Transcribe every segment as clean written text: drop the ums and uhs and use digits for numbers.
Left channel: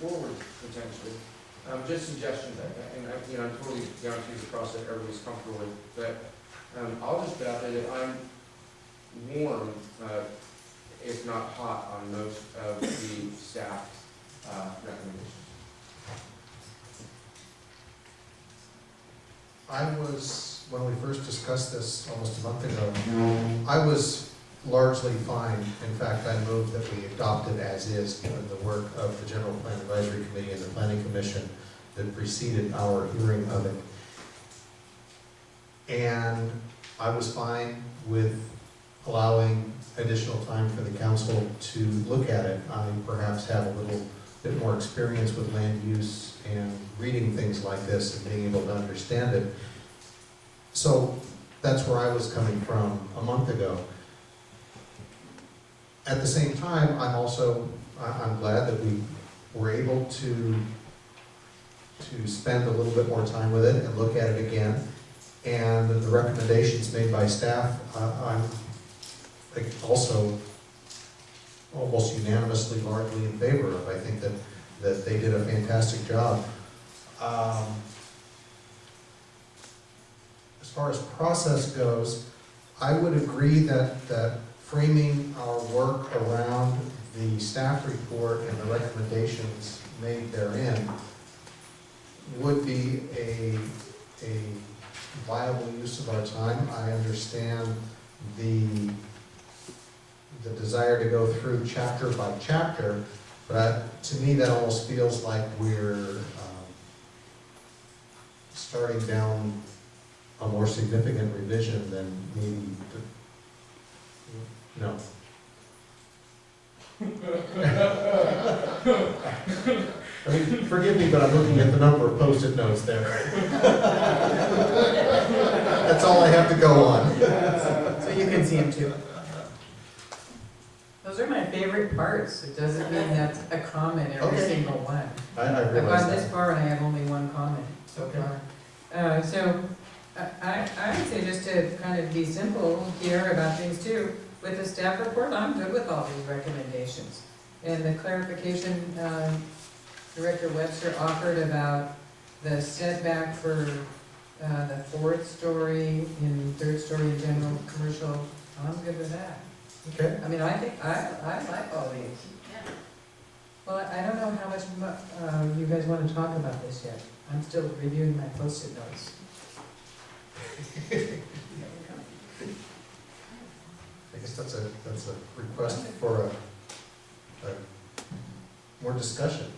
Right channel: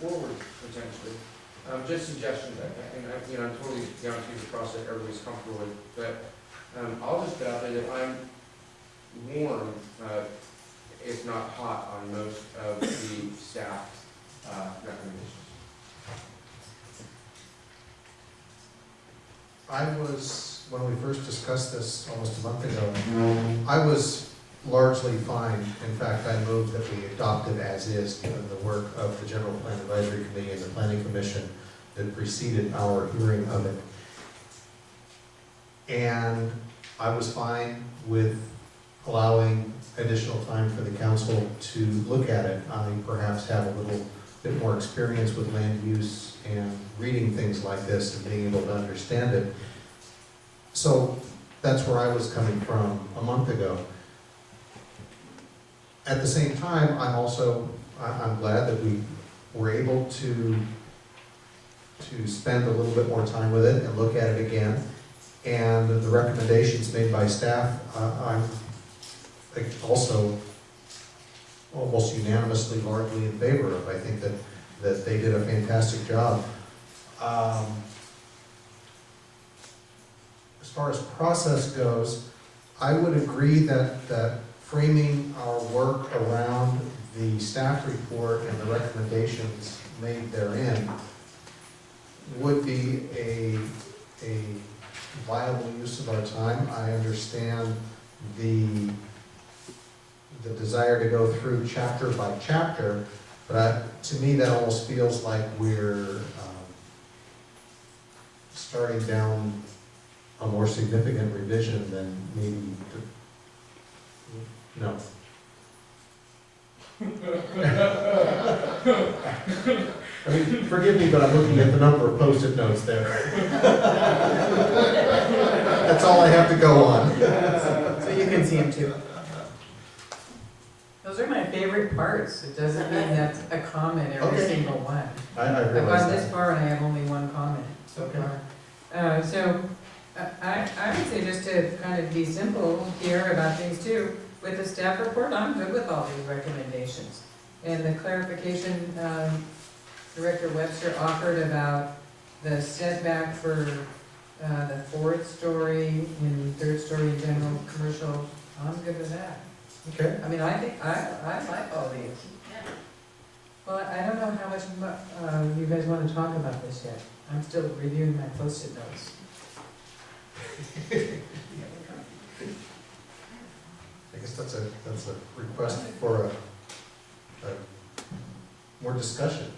forward potentially. Just suggestions, I'm totally guaranteed the process everybody's comfortable with, but I'll just put out there that I'm warm, if not hot, on most of the staff recommendations. When we first discussed this almost a month ago, I was largely fine. In fact, I moved that we adopted as is the work of the General Plan Advisory Committee and the Planning Commission that preceded our hearing of it. And I was fine with allowing additional time for the council to look at it. I perhaps have a little bit more experience with land use and reading things like this and being able to understand it. So that's where I was coming from a month ago. At the same time, I'm glad that we were able to spend a little bit more time with it and look at it again. And the recommendations made by staff, I'm also almost unanimously largely in favor of. I think that they did a fantastic job. As far as process goes, I would agree that framing our work around the staff report and the recommendations made therein would be a viable use of our time. I understand the desire to go through chapter by chapter, but to me that almost feels like we're starting down a more significant revision than maybe, no. I mean, forgive me, but I'm looking at the number of Post-it notes there. That's all I have to go on. So you can see them too. Those are my favorite parts. It doesn't mean that's a comment every Okay. single one. I I've realize gone this that. far and I have only one comment so Okay. far. So I would say just to kind of be simple here about things too, with the staff report, I'm good with all these recommendations. And the clarification Director Webster offered about the setback for the fourth story and third story general commercial, I'm good with that. Okay. I mean, I think, I like all these. Well, I don't know how much you guys want to talk about this yet. I'm still reviewing my Post-it notes. I guess that's a request for a more discussion.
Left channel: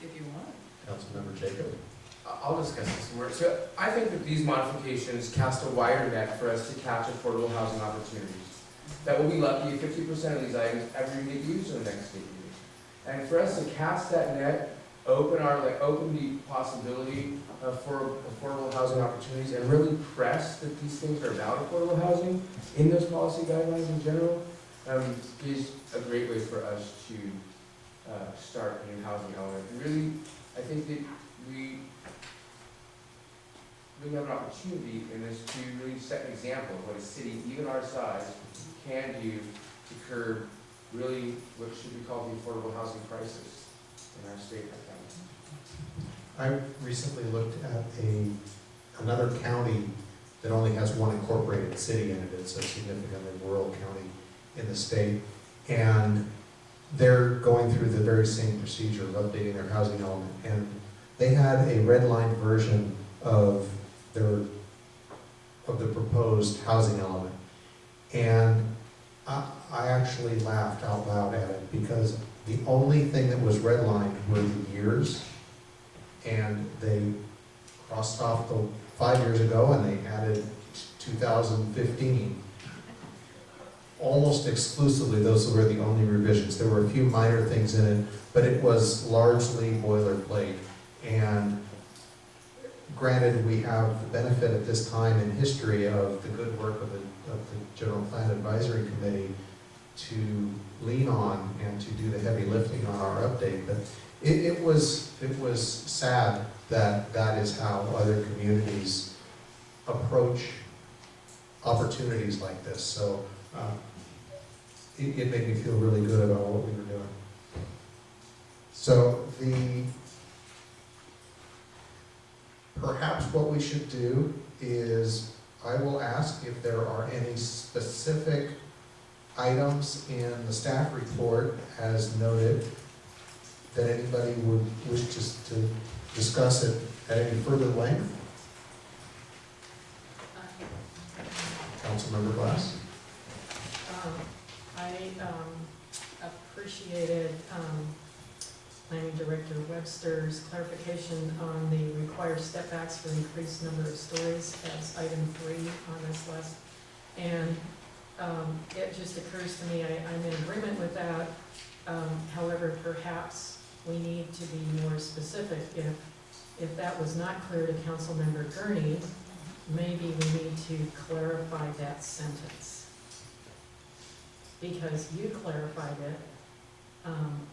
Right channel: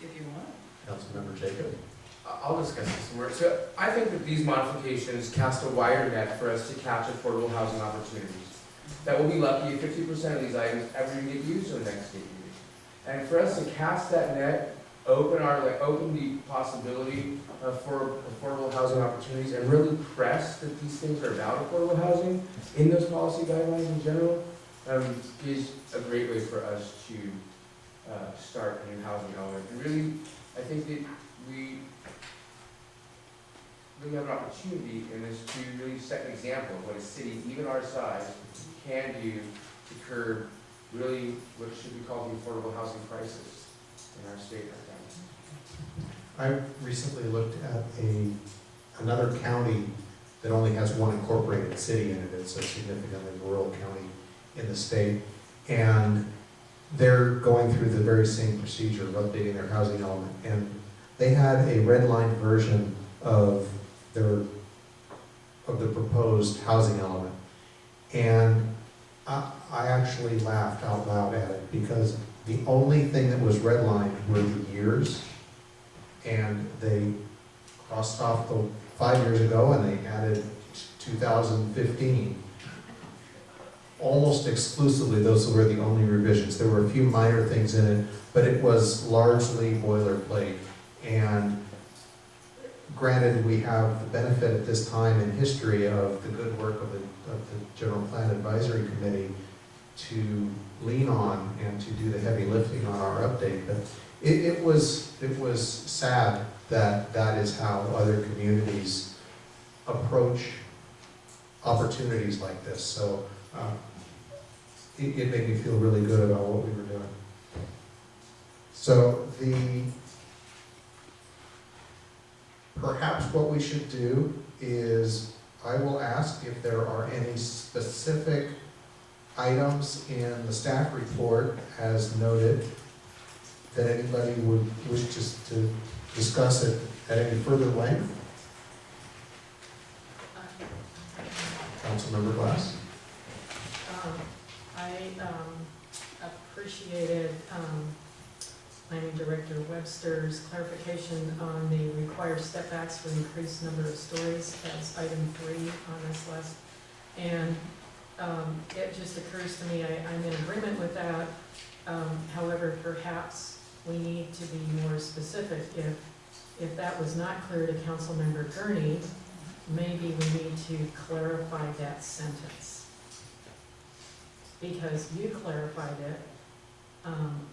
If you want. Councilmember Jacob. I'll discuss this more. So I think that these modifications cast a wider net for us to catch affordable housing opportunities. That we'll be lucky if 50% of these items ever even get used in the next 8 years. And for us to cast that net, open the possibility for affordable housing opportunities and really press that these things are about affordable housing in those policy guidelines in general, is a great way for us to start a new housing element. And really, I think that we have an opportunity in this to really set an example of what a city, even our size, can do to curb really what should be called the affordable housing crisis in our state right now. I recently looked at another county that only has one incorporated city in it. It's a significantly rural county in the state. And they're going through the very same procedure of updating their housing element. And they had a red line version of the proposed housing element. And I actually laughed out loud at it because the only thing that was redlined were the years. And they crossed off the 5 years ago and they added 2015. Almost exclusively, those were the only revisions. There were a few minor things in it, but it was largely boilerplate. And granted, we have the benefit at this time in history of the good work of the General Plan Advisory Committee to lean on and to do the heavy lifting on our update. But it was sad that that is how other communities approach opportunities like this. So it made me feel really good about what we were doing. So perhaps what we should do is, I will ask if there are any specific items in the staff report as noted that anybody would wish to discuss it at any further length. Councilmember Glass? I appreciated Planning Director Webster's clarification on the required step backs for increased number of stories as item 3 on this list. And it just occurs to me, I'm in agreement with that. However, perhaps we need to be more specific. If that was not clear to Councilmember Gurney, maybe we need to clarify that sentence. Because you clarified it,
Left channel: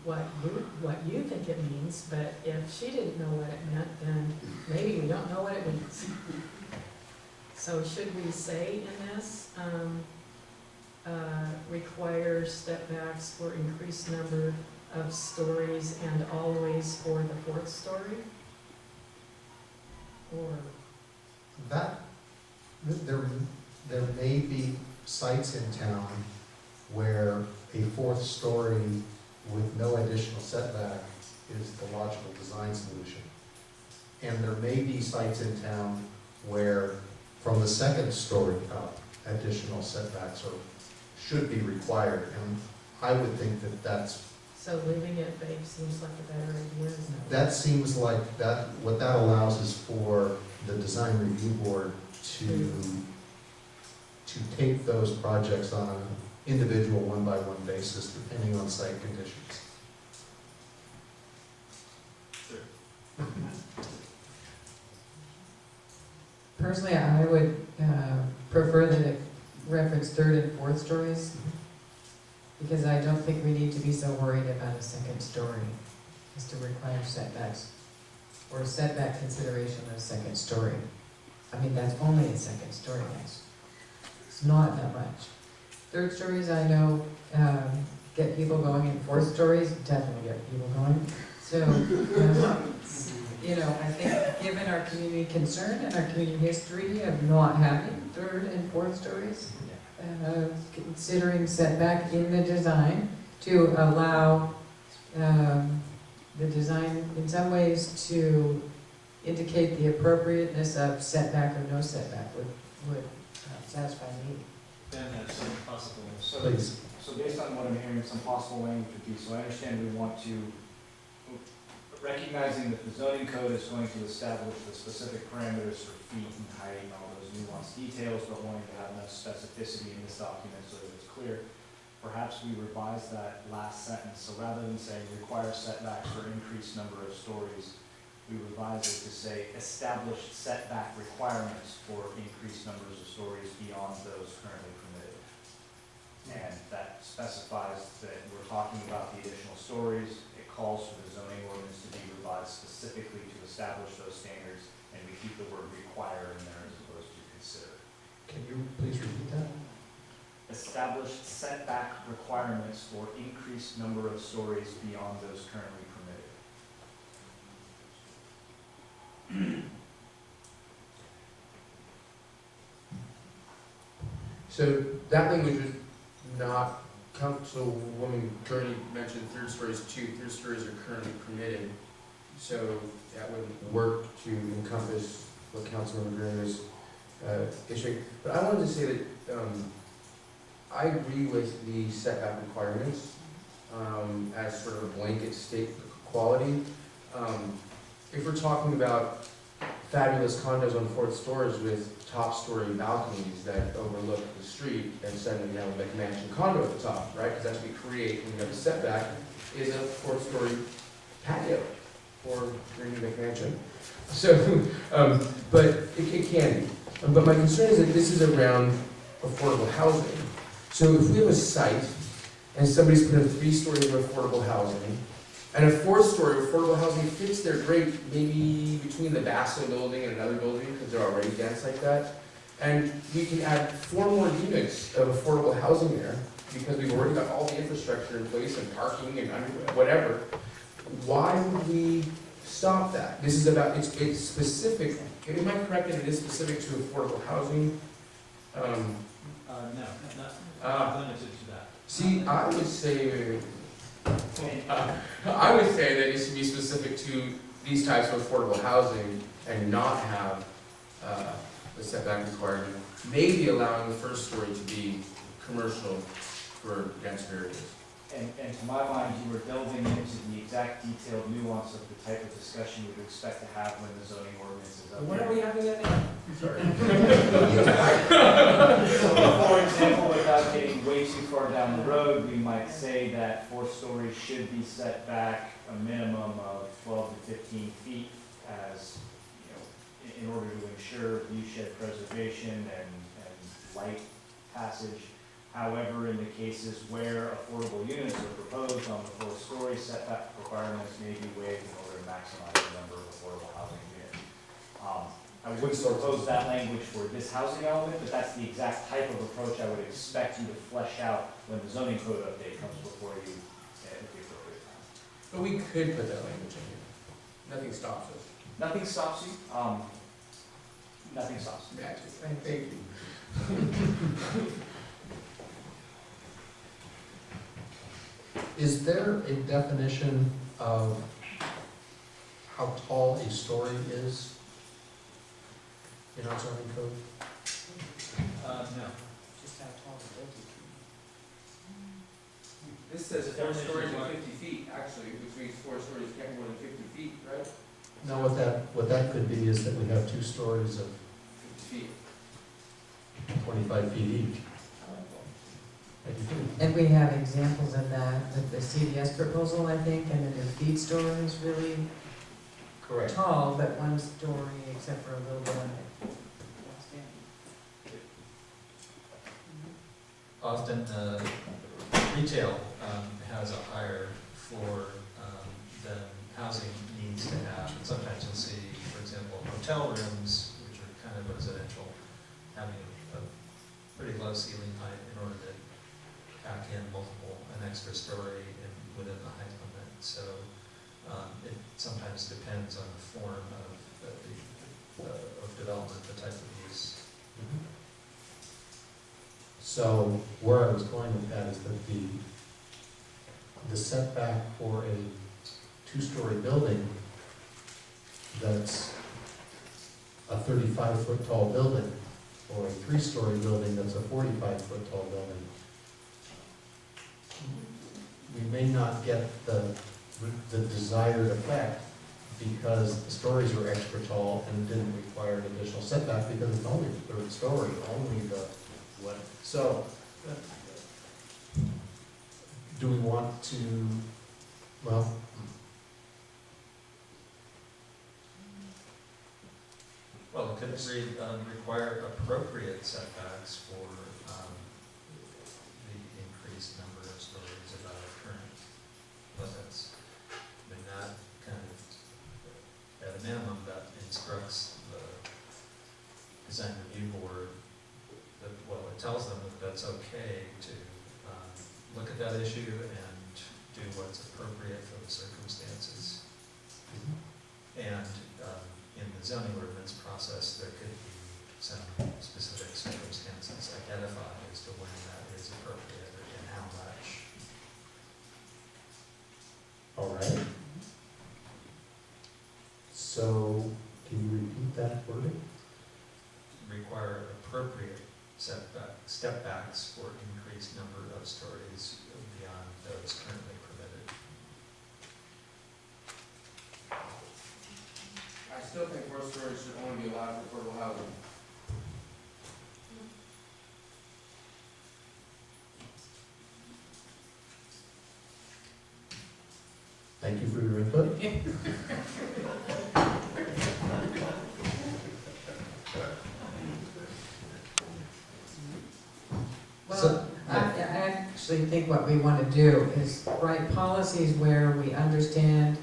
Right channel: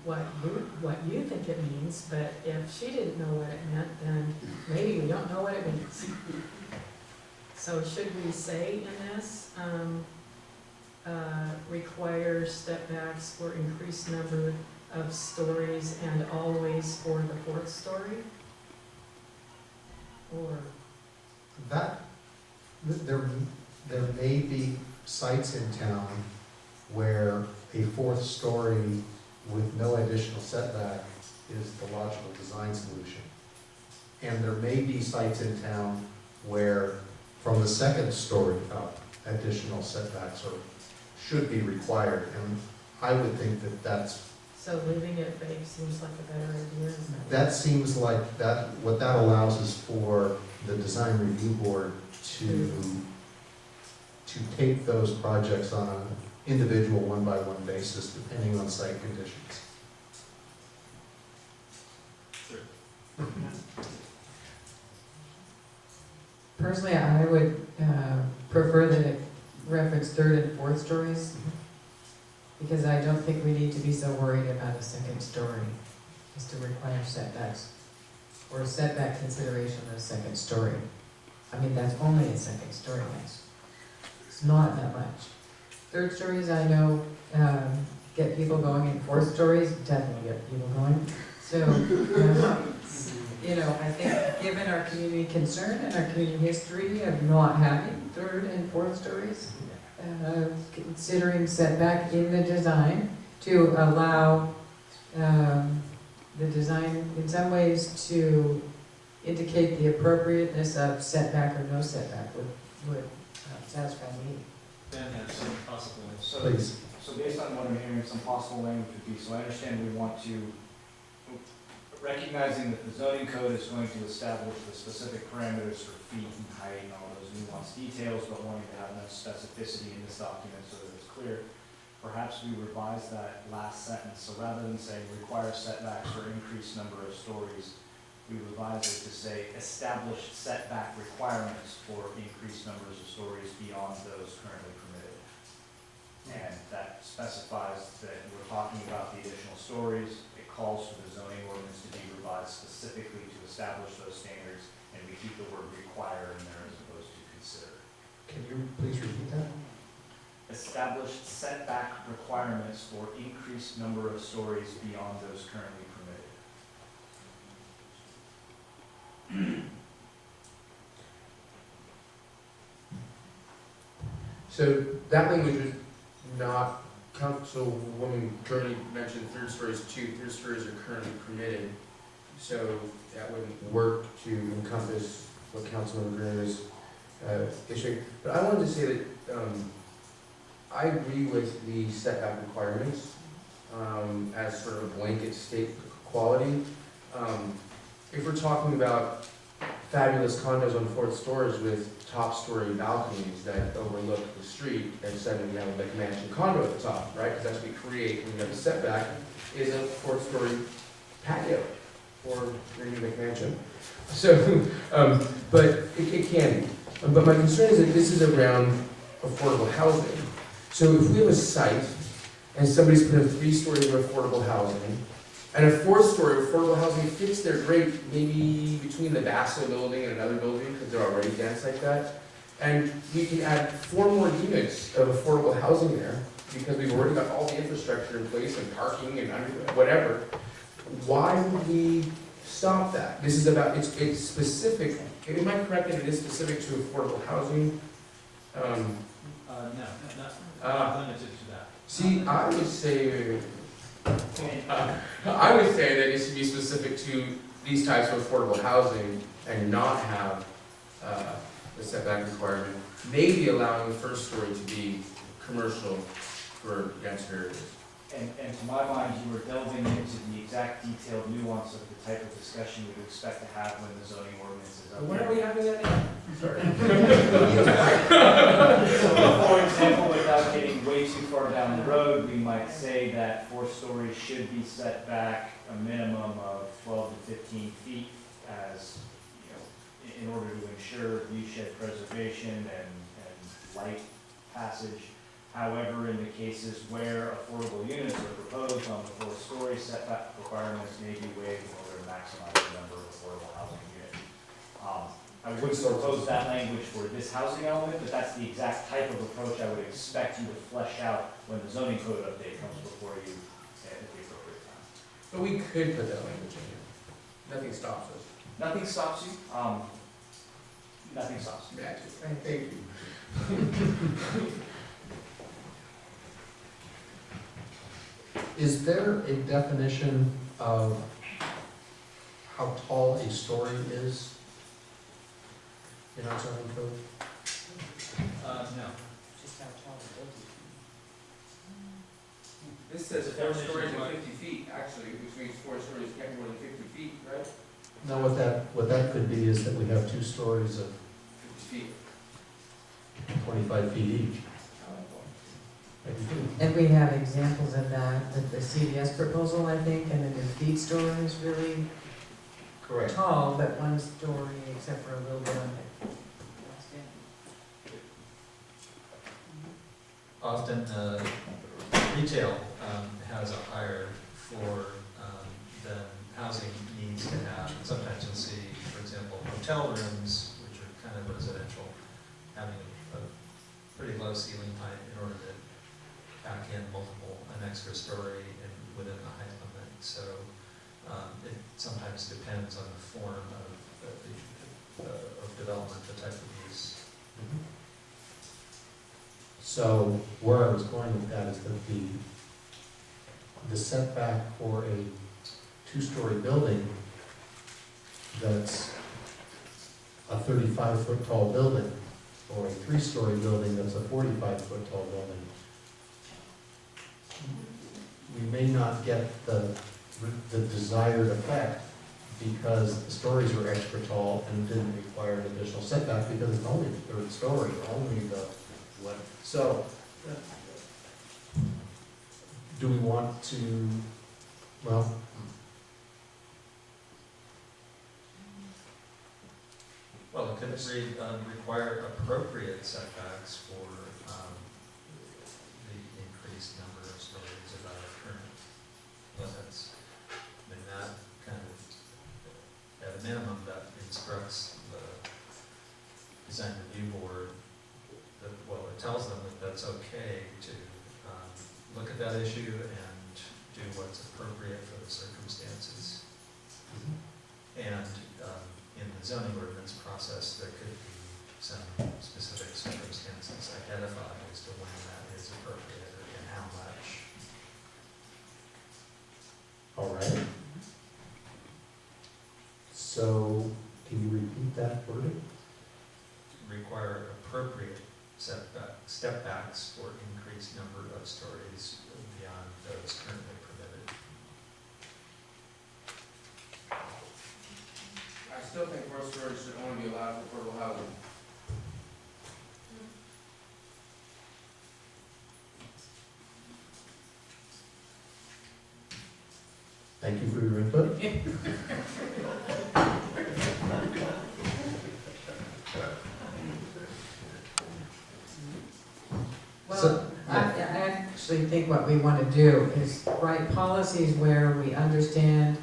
what you think it means, but if she didn't know what it meant, then maybe we don't know what it means. So should we say in this, require step backs for increased number of stories and always for the 4th story? Or? There may be sites in town where a 4th story with no additional setback is the logical design solution. And there may be sites in town where from the 2nd story up, additional setbacks should be required. And I would think that that's... So leaving it vague seems like a better idea, isn't it? That seems like what that allows is for the design review board to take those projects on an individual one-by-one basis, depending on site conditions. Personally, I would prefer that it reference 3rd and 4th stories, because I don't think we need to be so worried about a 2nd story as to require setbacks or setback consideration of a 2nd story. I mean, that's only a 2nd story, guys. It's not that much. 3rd stories, I know, get people going, and 4th stories definitely get people going. So, you know, I think given our community concern and our community history of not having 3rd and 4th stories, considering setback in the design to allow the design in some ways to indicate the appropriateness of setback or no setback would satisfy me. Ben has some possible. Please. So based on what I'm hearing, some possible language would be, so I understand we want to, recognizing that the zoning code is going to establish the specific parameters for feet and height and all those nuanced details, but wanting to have enough specificity in this document so that it's clear, perhaps we revise that last sentence. So rather than saying require setbacks for increased number of stories, we revise it to say established setback requirements for increased numbers of stories beyond those currently permitted. And that specifies that we're talking about the additional stories. It calls for the zoning ordinance to be revised specifically to establish those standards, and we keep the word require in there as opposed to consider. Can you please repeat that? Established setback requirements for increased number of stories beyond those currently permitted. So that language was not, Councilwoman Gurney mentioned 3rd stories too. 3rd stories are currently permitted. So that wouldn't work to encompass what Councilmember Gurney was issuing. But I wanted to say that I agree with the setback requirements as sort of a blanket state quality. If we're talking about fabulous condos on 4th stories with top-story balconies that overlook the street, and suddenly you have a McMansion condo at the top, right? Because that's what we create when you have a setback, is a 4th-story patio for your new McMansion. So, but it can be. But my concern is that this is around affordable housing. So if we have a site and somebody's put in 3 stories of affordable housing, and a 4th story affordable housing fits there great, maybe between the Basso building and another building, because they're already dense like that. And we can add 4 more units of affordable housing there, because we've already got all the infrastructure in place and parking and whatever. why would we stop that? This is about, it's specific, am I correct that it is specific to affordable housing? No, Ah. not limited to that. See, I would say that it should be specific to these types of affordable housing and not have, the setback requirement. Maybe allowing the first story to be commercial for denser areas. And to my mind, you were delving into the exact detailed nuance of the type of discussion you would expect to have when the zoning ordinance is up When are there. we having that now? Sorry. So, for example, without getting way too far down the road, we might say that 4 stories should be set back a minimum of 12 to 15 feet as, you know, in order to ensure view shed preservation and light passage. However, in the cases where affordable units are proposed on the 4-story, setback requirements may be waived in order to maximize the number of affordable housing units. I wouldn't propose that language for this housing element, but that's the exact type of approach I would expect you to flesh out when the zoning code update comes before you at the appropriate time. But we could put that language in here. Nothing stops us. Nothing stops you, nothing stops you. Magic. Thank you. Is there a definition of how tall a story is in our zoning code? No. Just how tall the building This says Four 4 stories and stories. 50 feet, actually, which means 4 stories can't be more than 50 feet, right? No, what that could be is that we have 2 stories of 50 feet. 25 feet each. Maybe two. And we have examples of that with the CVS proposal, I think, and the new feed store is really Correct. tall, but 1 story except for a little bit on it. Often, retail has a higher floor than housing needs to have. And sometimes you'll see, for example, hotel rooms, which are kind of residential, having a pretty low ceiling height in order to pack in an extra story within the height limit. So it sometimes depends on the form of development, the type of use. So where I was going with that is that the setback for a 2-story building that's a 35-foot tall building, or a 3-story building that's a 45-foot tall building, we may not get the desired effect because the stories were extra tall and didn't require an additional setback because it's only the 3rd story, only the what. So, do we want to, well, Well, it could require appropriate setbacks for the increased number of stories above current limits. I mean, that kind of, at a minimum, that instructs the design review board that, well, it tells them that that's okay to look at that issue and do what's appropriate for the circumstances. And in the zoning ordinance process, there could be some specific circumstances identified as to when that is appropriate and how much. all right. So, can you repeat that wording? Require appropriate step-backs for increased number of stories beyond those currently permitted. I still think 4 stories should only be allowed for affordable housing. Thank you for your input. Well, I actually think what we want to do is write policies where we understand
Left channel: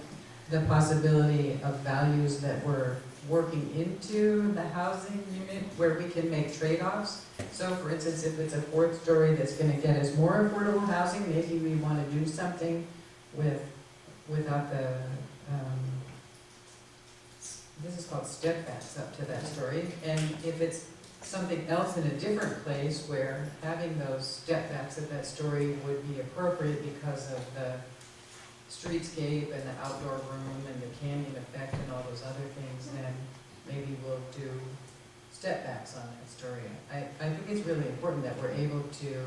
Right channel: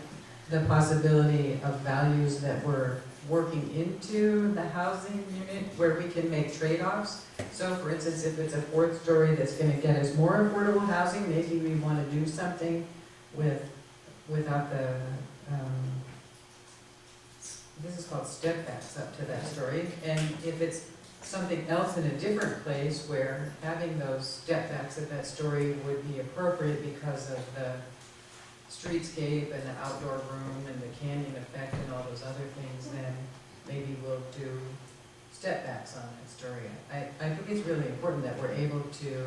the possibility of values that we're working into the housing unit, where we can make trade-offs. So for instance, if it's a 4th story that's gonna get us more affordable housing, maybe we wanna do something with without the, this is called step backs up to that story, and if it's something else in a different place where having those step backs at that story would be appropriate because of the streetscape and the outdoor room and the canyon effect and all those other things, then maybe we'll do step backs on that story. I think it's really important that we're able to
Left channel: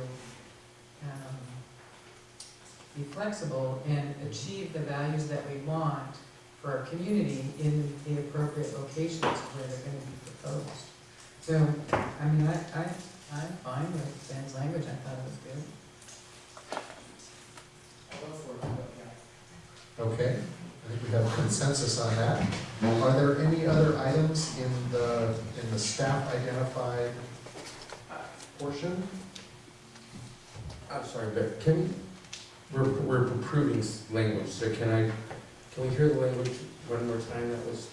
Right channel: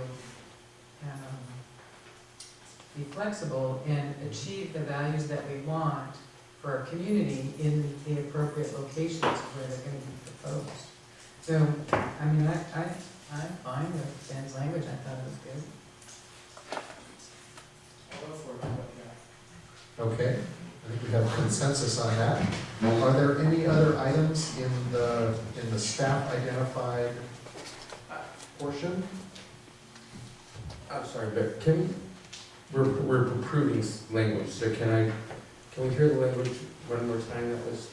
be flexible and achieve the values that we want for our community in the appropriate locations where they're gonna be proposed. So, I mean, I'm fine with Ben's language, I thought it was good. I'll go for it, yeah. Okay, I think we have consensus on that. Are there any other items in the staff identified portion? I'm sorry, but we're approving language, so can we hear the language one more time that was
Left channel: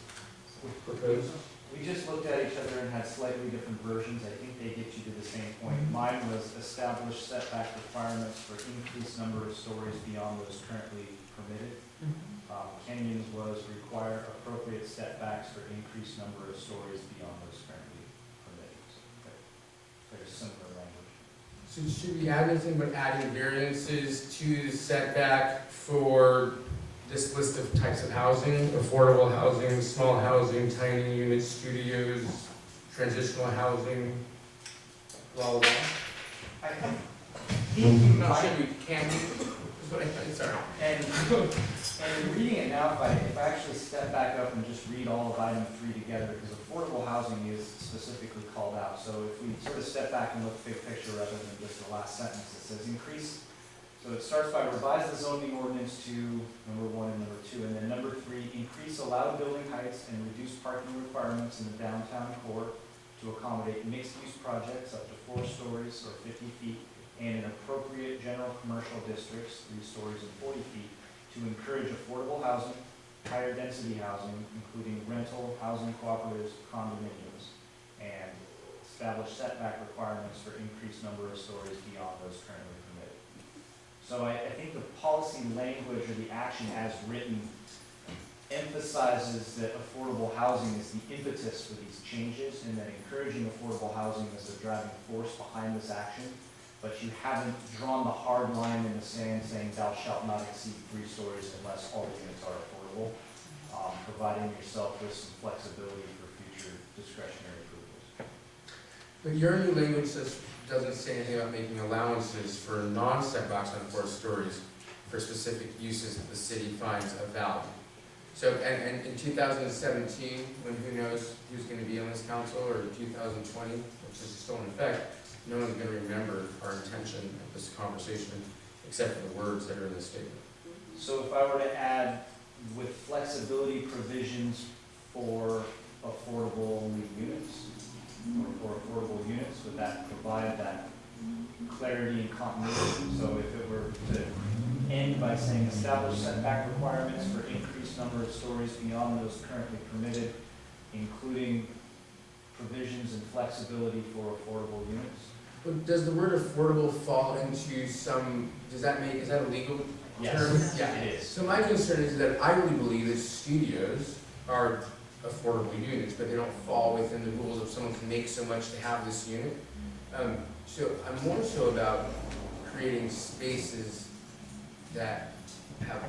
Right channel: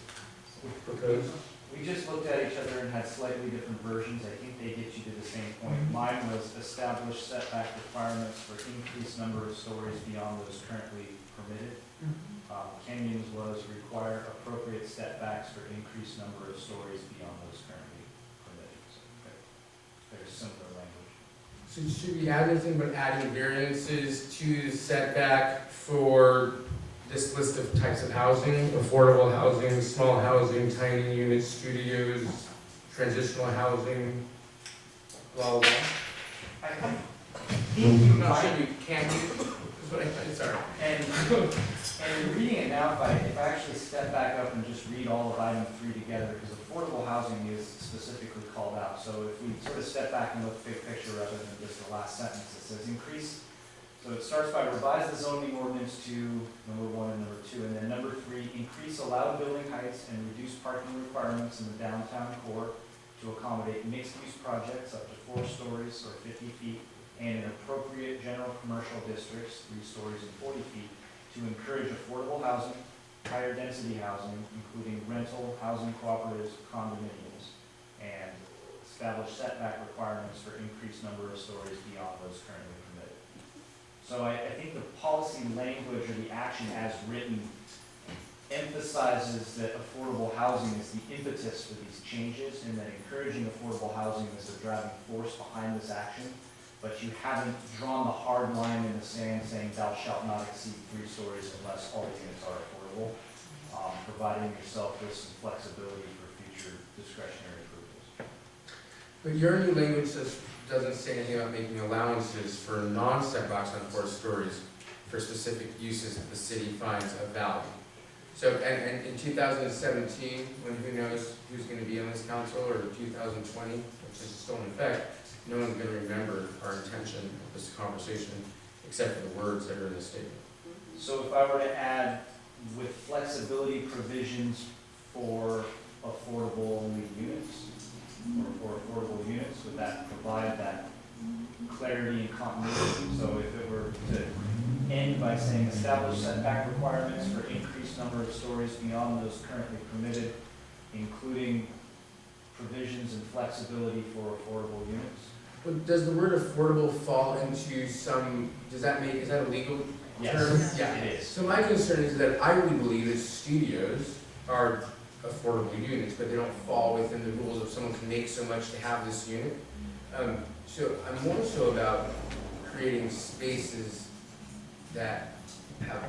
proposed? We just looked at each other and had slightly different versions. I think they get you to the same point. Mine was establish setback requirements for increased number of stories beyond those currently permitted. Kenyon's was require appropriate setbacks for increased number of stories beyond those currently permitted. So very similar language. So should we add anything but adding variances to the setback for this list of types of housing? Affordable housing, small housing, tiny units, studios, transitional housing, blah, blah, blah? I think you Not might, sure we can, is what I thought, sorry. and reading it now, if I actually step back up and just read all of item 3 together, because affordable housing is specifically called out. So if we sort of step back and look big picture rather than just the last sentence, it says increase. So it starts by revise the zoning ordinance to number 1 and number 2, and then number 3, increase allowed building heights and reduce parking requirements in the downtown core to accommodate mixed-use projects up to 4 stories or 50 feet, and in appropriate general commercial districts, 3 stories and 40 feet, to encourage affordable housing, higher density housing, including rental, housing cooperatives, condominiums, and establish setback requirements for increased number of stories beyond those currently permitted. So I think the policy language or the action as written emphasizes that affordable housing is the impetus for these changes, and that encouraging affordable housing is the driving force behind this action. But you haven't drawn the hard line in the sand saying thou shalt not exceed 3 stories unless all the units are affordable, providing yourself with some flexibility for future discretionary approvals. But your new language doesn't say anything about making allowances for non-setbacks on 4 stories for specific uses that the city finds of value. So, and in 2017, when who knows who's gonna be on this council, or 2020, which is still in effect, no one's gonna remember our intention of this conversation, except for the words that are in the statement. So if I were to add with flexibility provisions for affordable only units, or for affordable units, would that provide that clarity and continuity? So if it were to end by saying establish setback requirements for increased number of stories beyond those currently permitted, including provisions and flexibility for affordable units? But does the word affordable fall into some, is that a legal term? Yes, Yeah. it is. So my concern is that I really believe that studios are affordable units, but they don't fall within the rules of someone can make so much to have this unit. So I'm more so about creating spaces that have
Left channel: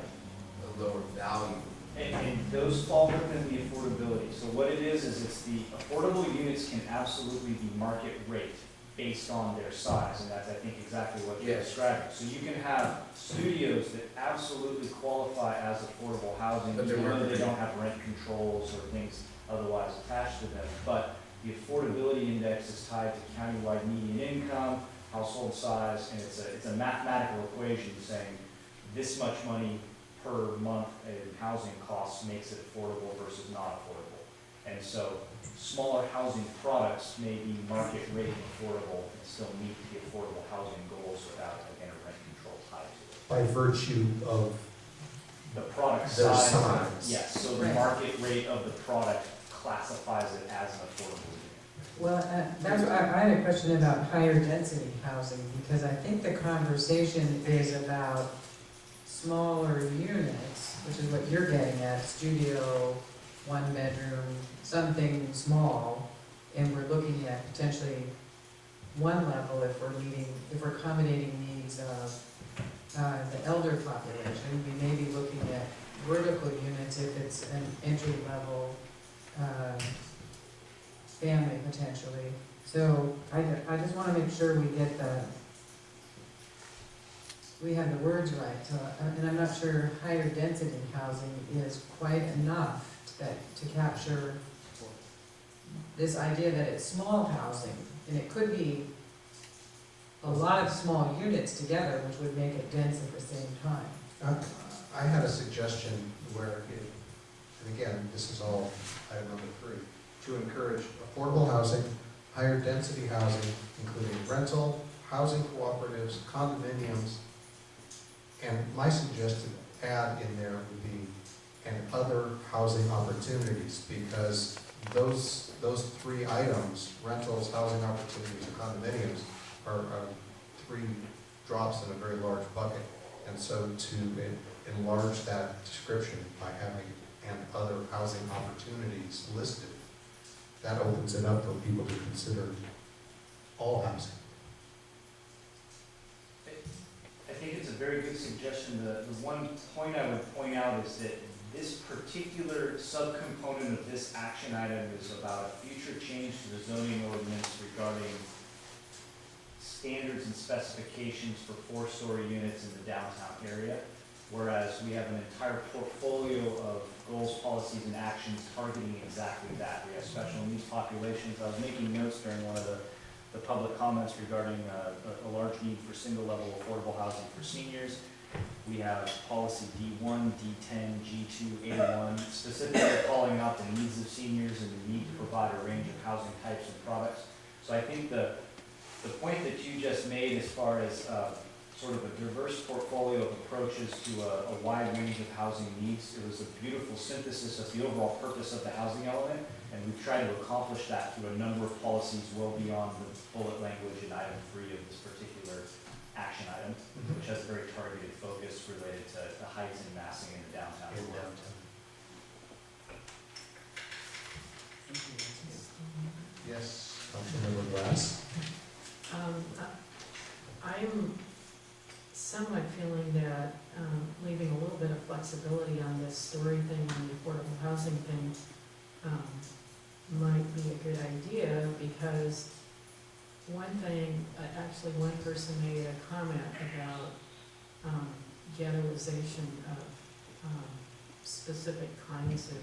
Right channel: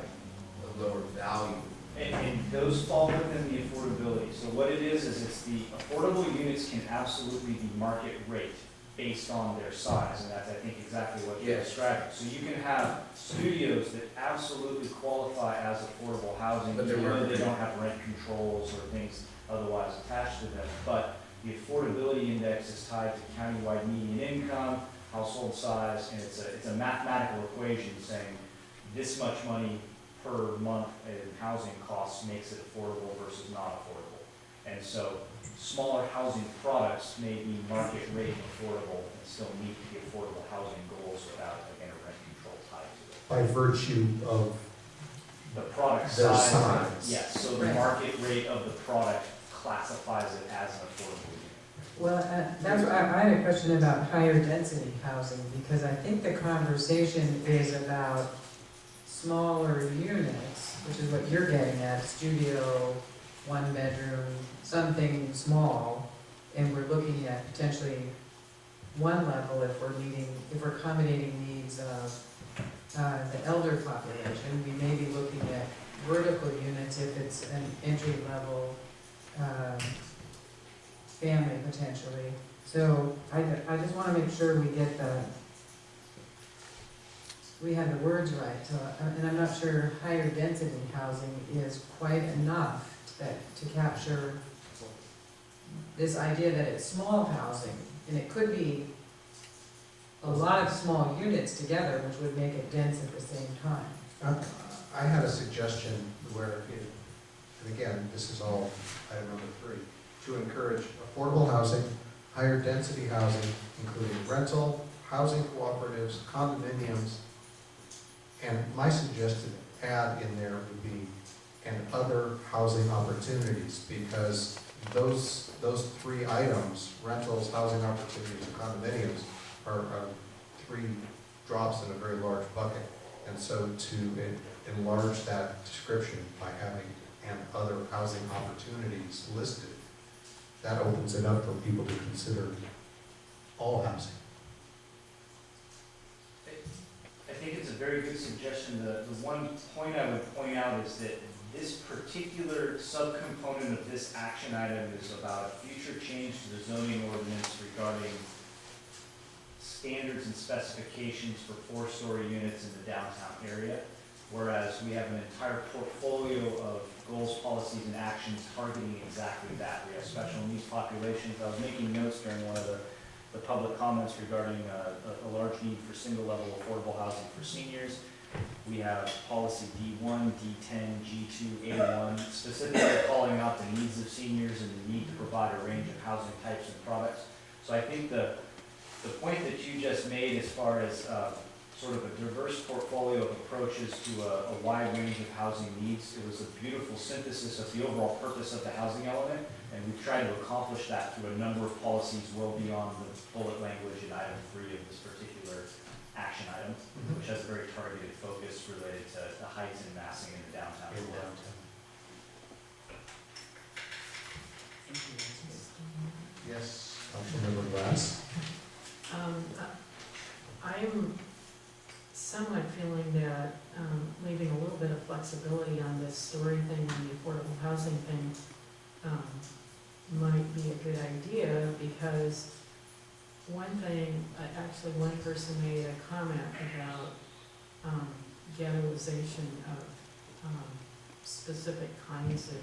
a lower value. And those fall within the affordability. So what it is it's the affordable units can absolutely be market rate based on their size, and that's, I think, exactly what you're Yes. describing. So you can have studios that absolutely qualify as affordable housing, But they're even though market they rate. don't have rent controls or things otherwise attached to them. But the affordability index is tied to countywide median income, household size, and it's a mathematical equation saying this much money per month in housing costs makes it affordable versus not affordable. And so smaller housing products may be market rate affordable and still meet the affordable housing goals without, again, a rent control tied to it. By virtue of The product their size. size? Yes, so the Right. market rate of the product classifies it as an affordable unit. Well, that's, I had a question about higher density housing, because I think the conversation is about smaller units, which is what you're getting at, studio, one bedroom, something small, and we're looking at potentially one level if we're accommodating needs of the elder population, we may be looking at vertical units if it's an entry level family potentially. So I just wanna make sure we have the words right, and I'm not sure higher density housing is quite enough to capture this idea that it's small housing, and it could be a lot of small units together, which would make it dense at the same time. I had a suggestion where, and again, this is all item number 3, to encourage affordable housing, higher density housing, including rental, housing cooperatives, condominiums, and my suggested add in there would be, and other housing opportunities, because those 3 items, rentals, housing opportunities, and condominiums, are 3 drops in a very large bucket. And so to enlarge that description by having and other housing opportunities listed, that opens it up for people to consider all housing. I think it's a very good suggestion. The one point I would point out is that this particular subcomponent of this action item is about a future change to the zoning ordinance regarding standards and specifications for 4-story units in the downtown area, whereas we have an entire portfolio of goals, policies, and actions targeting exactly that. We have special needs populations. I was making notes during one of the public comments regarding a large need for single-level affordable housing for seniors. We have policy D1, D10, G2, A1, specifically calling out the needs of seniors and the need to provide a range of housing types and products. So I think the point that you just made as far as sort of a diverse portfolio of approaches to a wide range of housing needs, it was a beautiful synthesis of the overall purpose of the housing element, and we've tried to accomplish that through a number of policies well beyond the bullet language in item 3 of this particular action item, which has a very targeted focus related to the heights and massing in the downtown. Yes, Councilmember Glass? I'm somewhat feeling that leaving a little bit of flexibility on this story thing and the affordable housing thing might be a good idea, because one thing, actually one person made a comment about ghettoization of specific kinds of,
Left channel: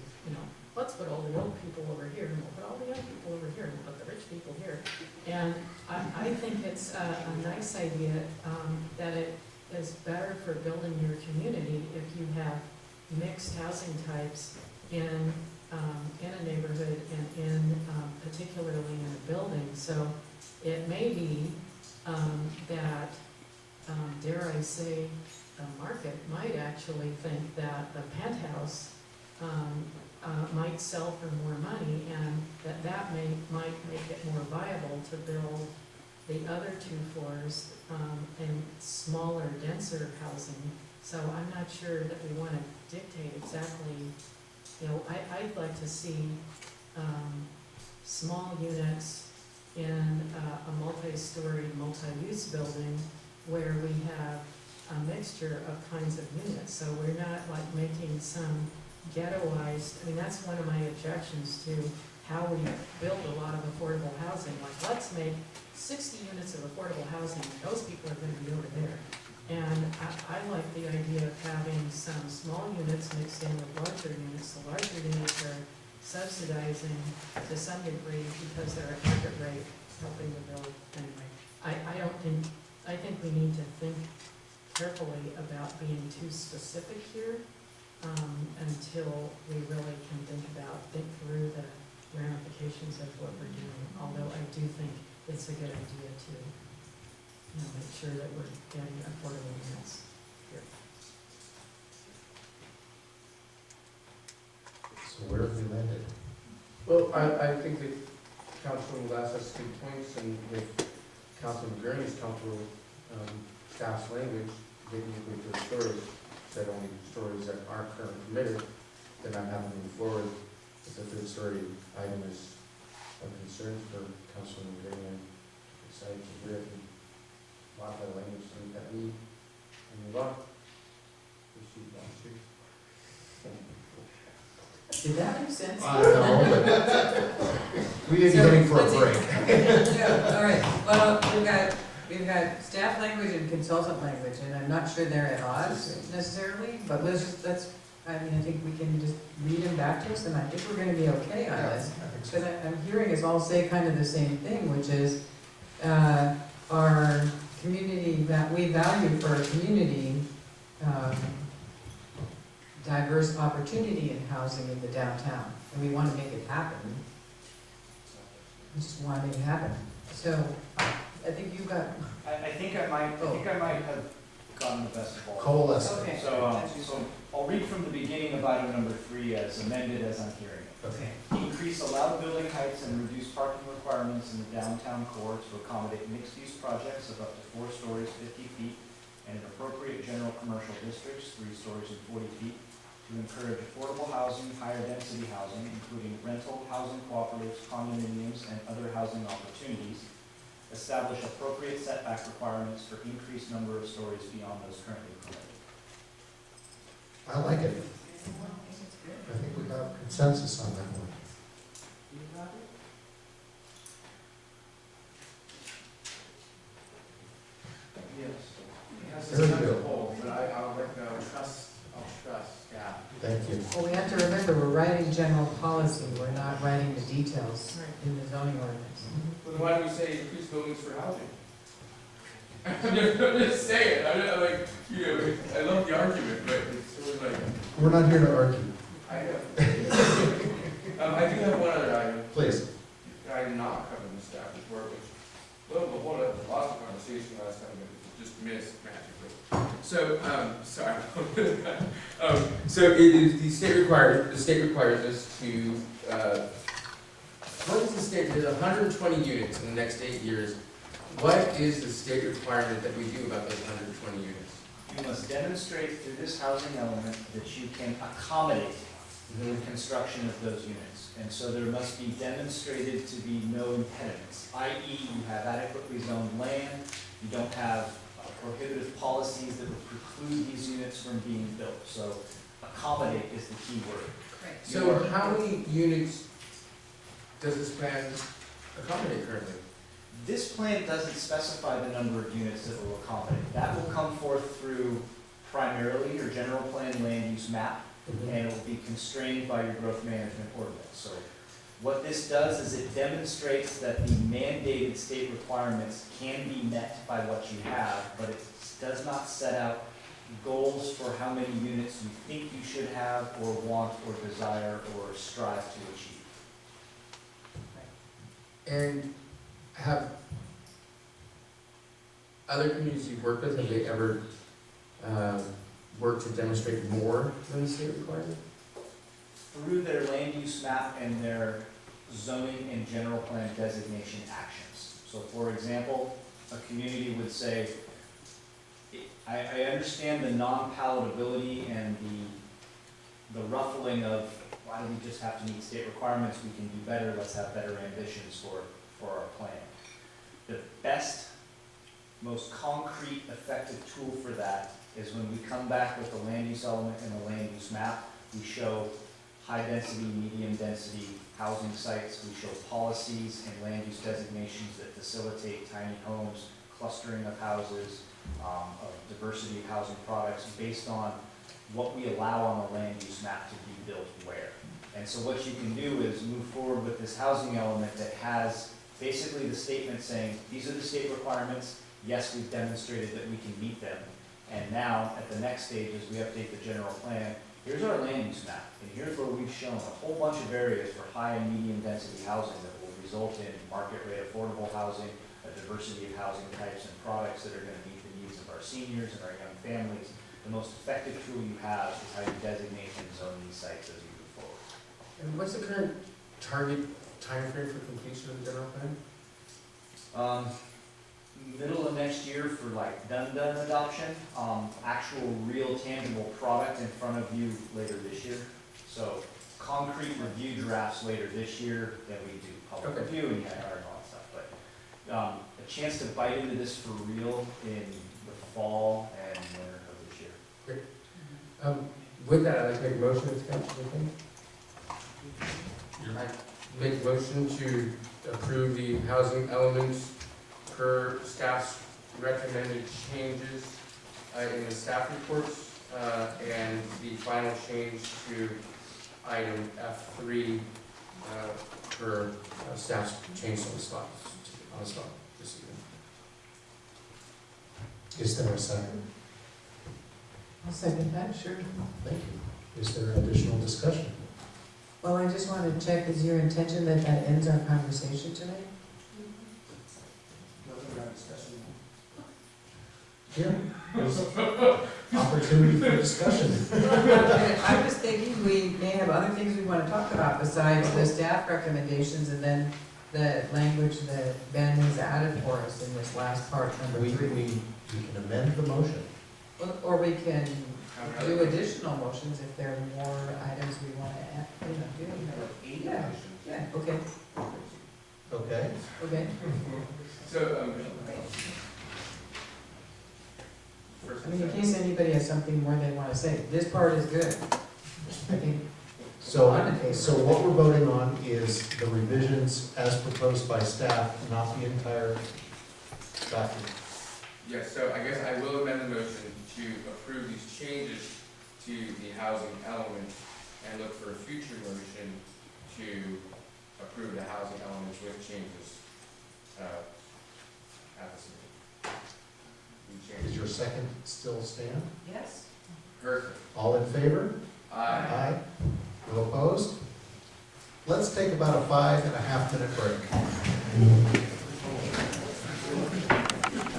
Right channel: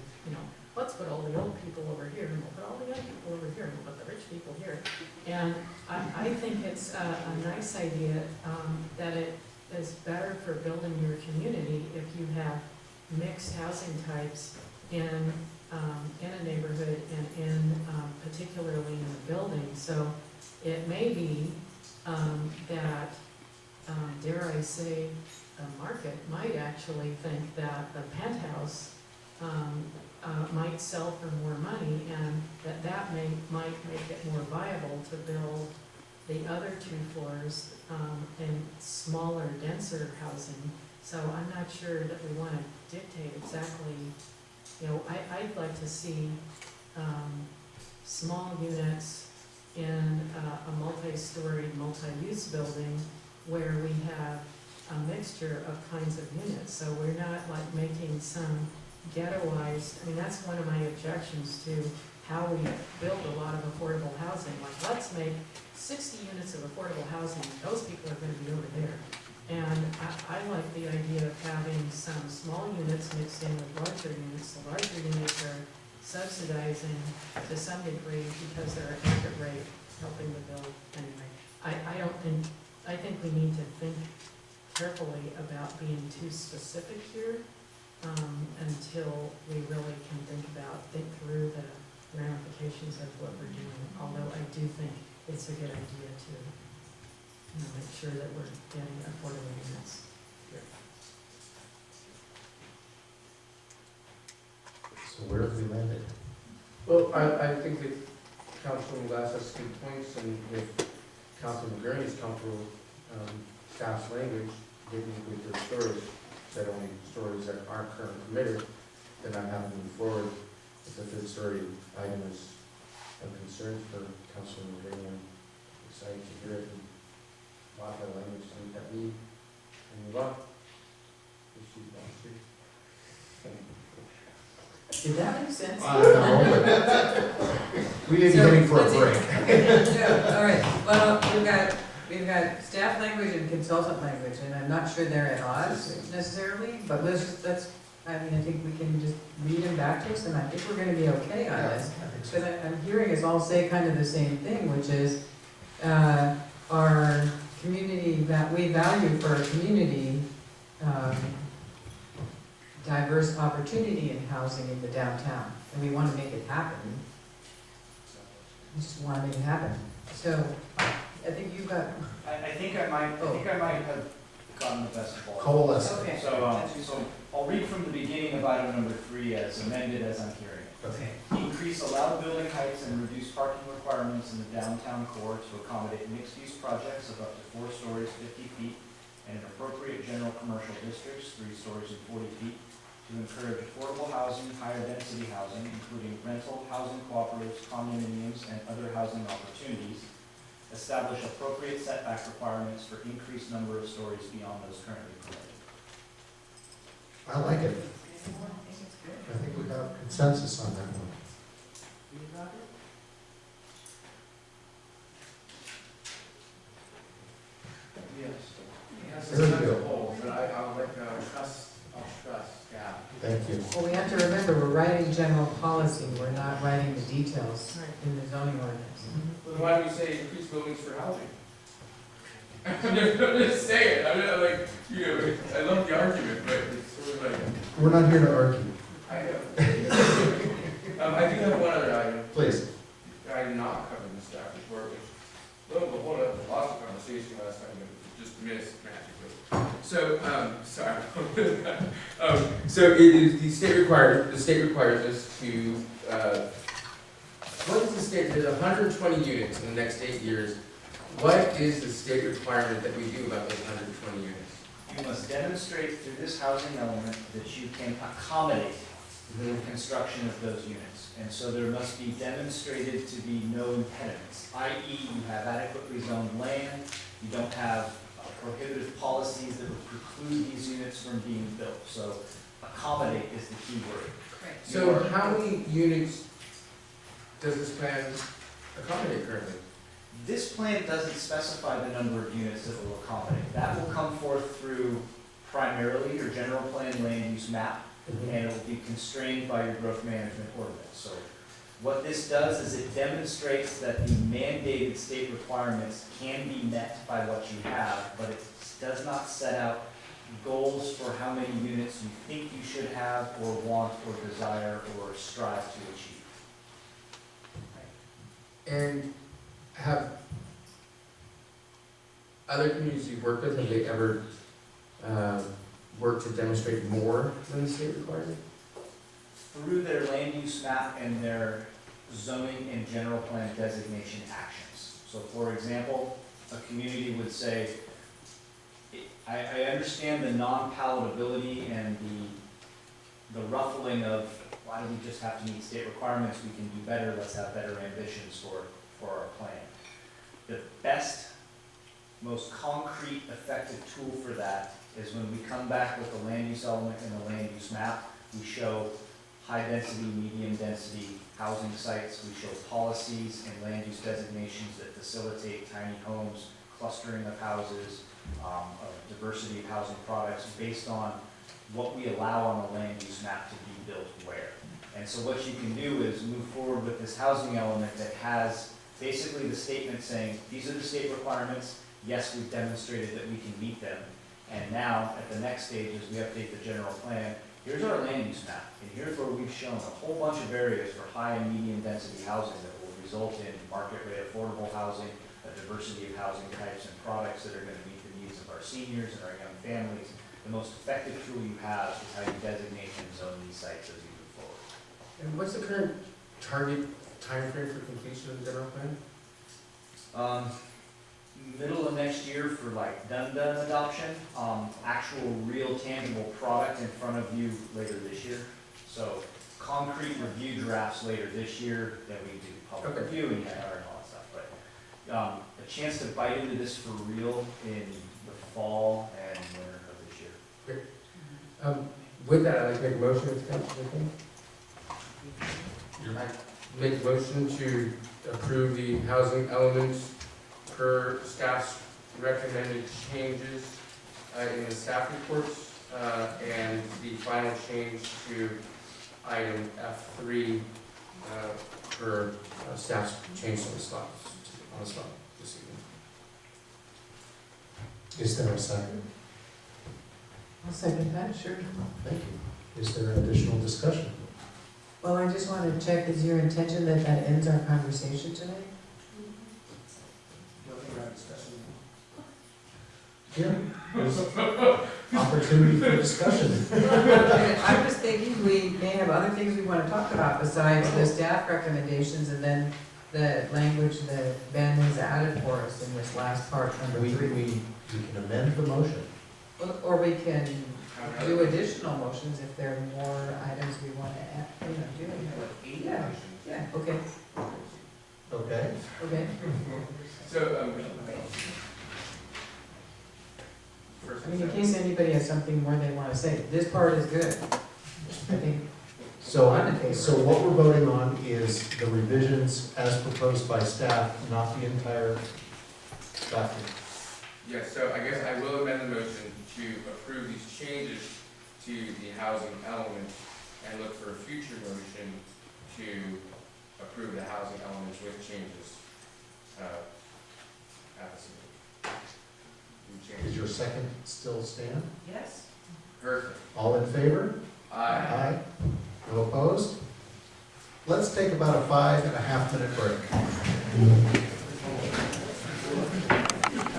let's put all the old people over here, and we'll put all the young people over here, and we'll put the rich people here. And I think it's a nice idea that it is better for building your community if you have mixed housing types in a neighborhood and particularly in a building. So it may be that, dare I say, the market might actually think that the penthouse might sell for more money, and that might make it more viable to build the other 2 floors in smaller, denser housing. So I'm not sure that we want to dictate exactly, I'd like to see small units in a multi-storied, multi-use building where we have a mixture of kinds of units. So we're not like making some ghettoized, that's one of my objections to how we build a lot of affordable housing. Like, let's make 60 units of affordable housing, those people are gonna be over there. And I like the idea of having some small units mixed in with larger units. The larger units are subsidizing to some degree because they're at market rate, helping to build anyway. I think we need to think carefully about being too specific here until we really can think through the ramifications of what we're doing. Although I do think it's a good idea to make sure that we're getting affordable units here. So where have we landed? Well, I think that Councilman Glass has good points, and if Councilman McGurney is comfortable with staff's language, getting with their stories, that only stories that aren't currently permitted, then I'm happy to move forward. If the third story item is of concern for Councilman Green, I'm excited to hear it and modify the language to meet that need and move on. If she wants to. Did that make sense? No, we may be heading for a So, break. Yeah, all right, well, we've got staff language and consultant language, and I'm not sure they're at odds necessarily, but I think we can just read them back to us, and I think we're gonna be okay on this. I think so. Because I'm hearing us all say kind of the same thing, which is, our community, that we value for our community, diverse opportunity in housing in the downtown, and we wanna make it happen. We just wanna make it happen. So, I think you've got, I think I might have gotten the best of all. Coalesce. okay. So I'll read from the beginning of item number 3 as amended as I'm hearing it. Okay. Increase allowed building heights and reduce parking requirements in the downtown core to accommodate mixed-use projects of up to 4 stories, 50 feet, and in appropriate general commercial districts, 3 stories and 40 feet, to encourage affordable housing, higher density housing, including rental, housing cooperatives, condominiums, and other housing opportunities. Establish appropriate setback requirements for increased number of stories beyond those currently permitted. I like it. I think it's good. I think we got consensus on that one. You got it? Yes. Very good. But I'll trust staff. Thank you. Well, we have to remember, we're writing general policy, we're not writing the details in the zoning ordinance. Well, then why don't we say increase buildings for housing? I'm just saying, I love the argument, but it's sort of like, We're not here to argue. I know. I do have one other item, Please. I did not cover in the staff report, which, lo and behold, I lost the conversation last time, but just missed magically. So, sorry. So it is, the state requires us to, what is the state, there's 120 units in the next 8 years. What is the state requirement that we do about those 120 units? You must demonstrate through this housing element that you can accommodate the construction of those units. And so there must be demonstrated to be no impediments, i.e. you have adequately zoned land, you don't have prohibitive policies that would preclude these units from being built. So accommodate is the key word. So how many units does this plan accommodate currently? This plan doesn't specify the number of units that will accommodate. That will come forth through primarily your general plan land use map, and it will be constrained by your growth management ordinance. So what this does is it demonstrates that the mandated state requirements can be met by what you have, but it does not set out goals for how many units you think you should have, or want, or desire, or strive to achieve. And have other communities you've worked with, have they ever worked to demonstrate more than the state requirement? Through their land use map and their zoning and general plan designation actions. So for example, a community would say, I understand the non-palatability and the ruffling of, why do we just have to meet state requirements, we can do better, let's have better ambitions for our plan. The best, most concrete, effective tool for that is when we come back with the land use element and the land use map, we show high density, medium density housing sites, we show policies and land use designations that facilitate tiny homes, clustering of houses, of diversity of housing products based on what we allow on the land use map to be built where. And so what you can do is move forward with this housing element that has basically the statement saying, these are the state requirements, yes, we've demonstrated that we can meet them, and now, at the next stage, as we update the general plan, here's our land use map, and here's where we've shown a whole bunch of areas for high and medium density housing that will result in market rate affordable housing, a diversity of housing types and products that are gonna meet the needs of our seniors and our young families. The most effective tool you have is how you designate and zone these sites as you move forward. And what's the current target timeframe for completion of the general plan? middle of next year for like done adoption, actual real tangible product in front of you later this year. So concrete review drafts later this year, then we do public Okay. review and EIR and all that stuff. But a chance to bite into this for real in the fall and winter of this year. With that, I'd like to make a motion, if Councilor McKay. I make a motion to approve the housing elements per staff's recommended changes in the staff reports, and the final change to item F3 per staff's change on the spot this evening. Is there a second? I'll second that, sure. Thank you. Is there additional discussion? Well, I just want to check, is your intention that that ends our conversation tonight? Nothing around discussion now. Yeah. There's opportunity for discussion. I'm just thinking we may have other things we want to talk about besides the staff recommendations and then the language that Ben has added for us in this last part, number We 3. can amend the motion. Or we can do additional motions if there are more items we want to add, do. Yeah, yeah, okay, Okay? okay. So, first I mean, in case anybody has something more they want to say, this part is good. I think, So, I'm in favor. so what we're voting on is the revisions as proposed by staff, not the entire document. yes, so I guess I will amend the motion to approve these changes to the housing element and look for a future motion to approve the housing elements with changes at the city. Does your second still stand? yes? Perfect. All in favor? Aye. No opposed? Let's take about a 5.5 minute break.